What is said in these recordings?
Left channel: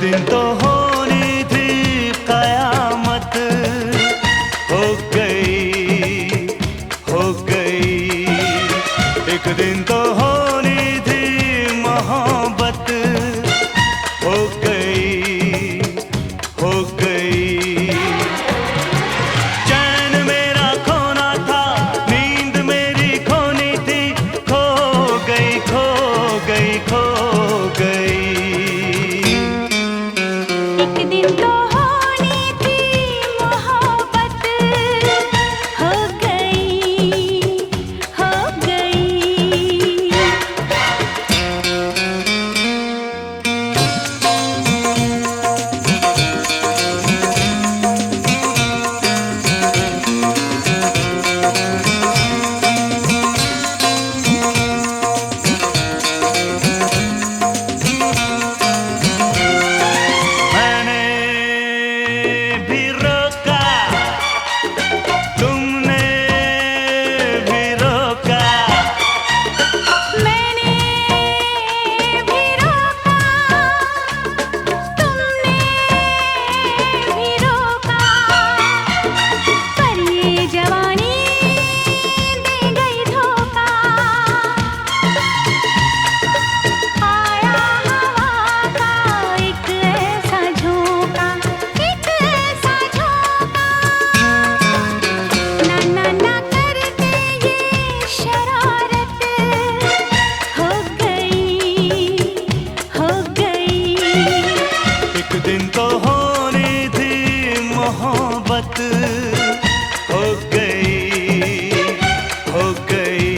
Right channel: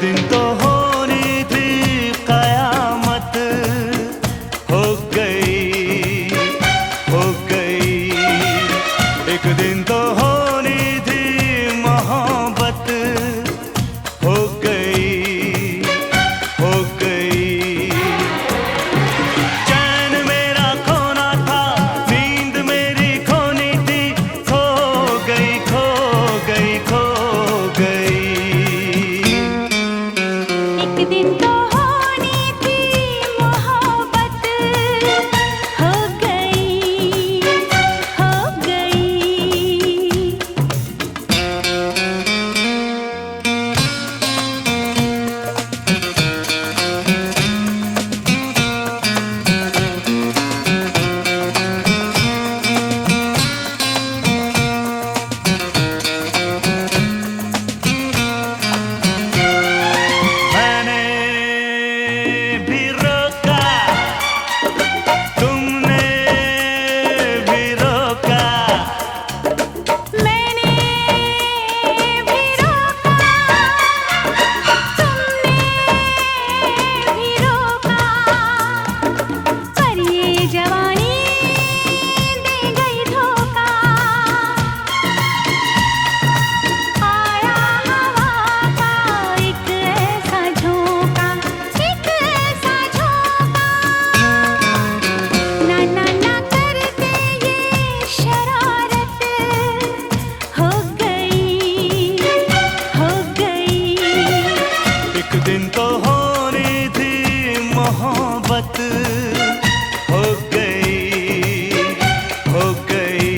दिन तो होनी थी कयामत, हो गई, हो गई। एक दिन तो होनी थी मोहब्बत, हो गई, हो गई। चैन मेरा खोना था, नींद मेरी खोनी थी, खो गई, खो गई, खो गई। एक दिन तो होनी थी मोहब्बत, हो गई, हो गई। मैंने भी रोका, तुमने भी रोका, मैंने भी रोका, तुमने भी रोका, पर ये जवानी दे गई धोखा। आया हवा का एक ऐसा झोंका, एक ऐसा झोंका, ना ना ना करते ये शरारत, हो गई, हो गई। एक दिन तो होनी थी मोहब्बत, हो गई, हो गई।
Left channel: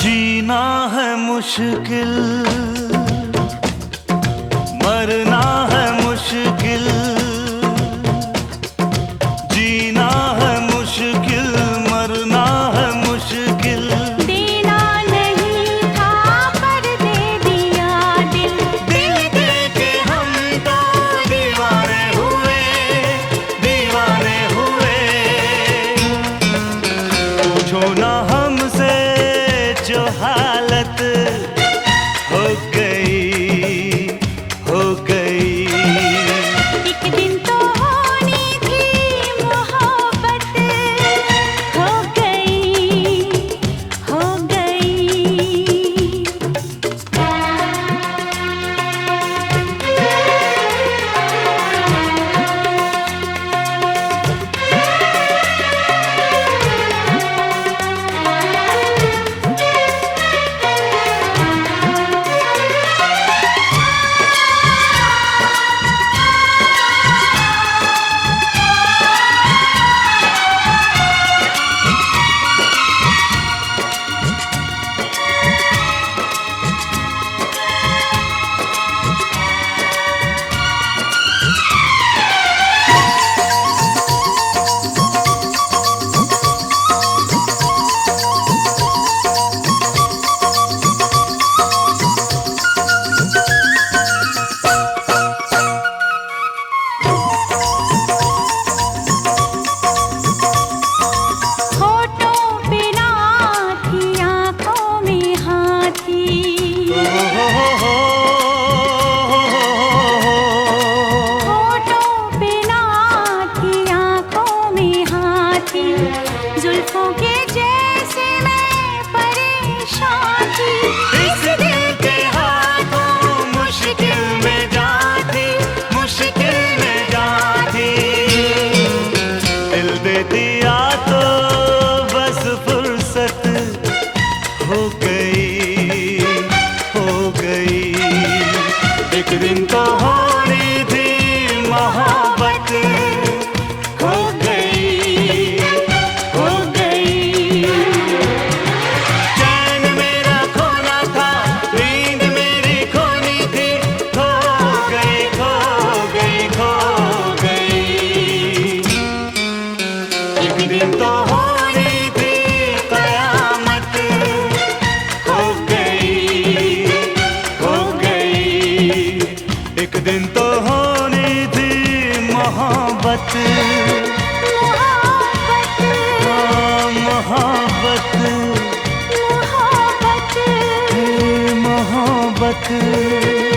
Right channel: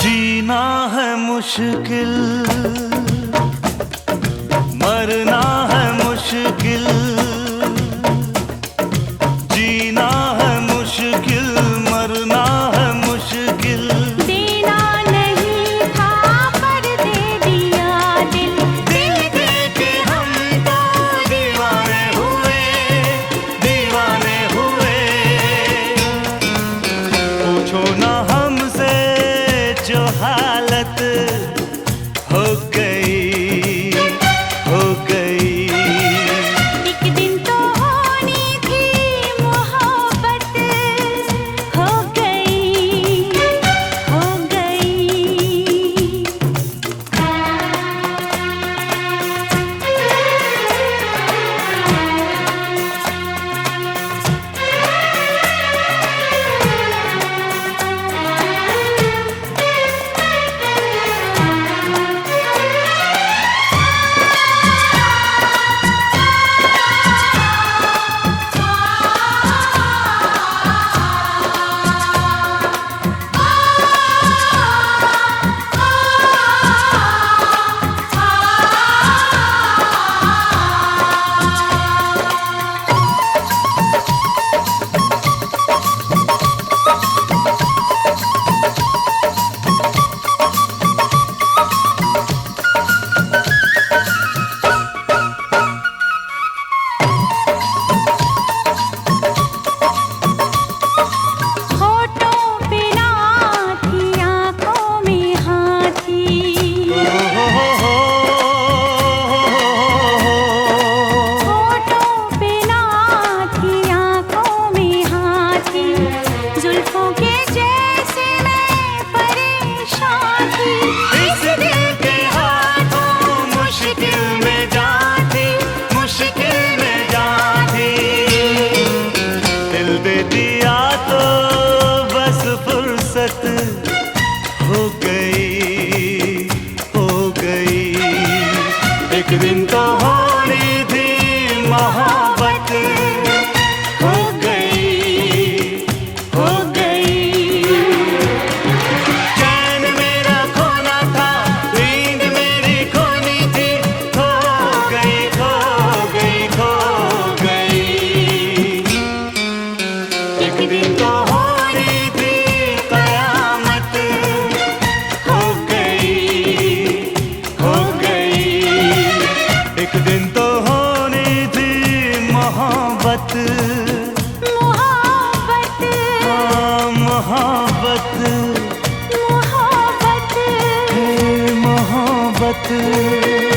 जीना है मुश्किल, मरना है मुश्किल। जीना है मुश्किल, मरना है मुश्किल। देना नहीं था पर दे दिया दिल, दिल दे के हम तो दीवाने हुए, दीवाने हुए। पूछो ना हमसे जो हालत हो गई, हो गई। एक दिन तो होनी थी मोहब्बत, हो गई, हो गई। होठों पे ना थी, आँखों में हाँ थी, होठों पे ना थी, आँखों में हाँ थी, जुल्फों के जैसे मैं परेशान थी। इस दिल के हाथों मुश्किल में जाती, मुश्किल में जाती। दिल दे दिया तो बस फुर्सत हो गई, हो गई। एक दिन तो होनी थी मोहब्बत, हो गई, हो गई। दिन तो होनी थी कयामत, हो गई, हो गई। एक दिन तो होनी थी मोहब्बत, मोहब्बत, मोहब्बत, मोहब्बत, मोहब्बत।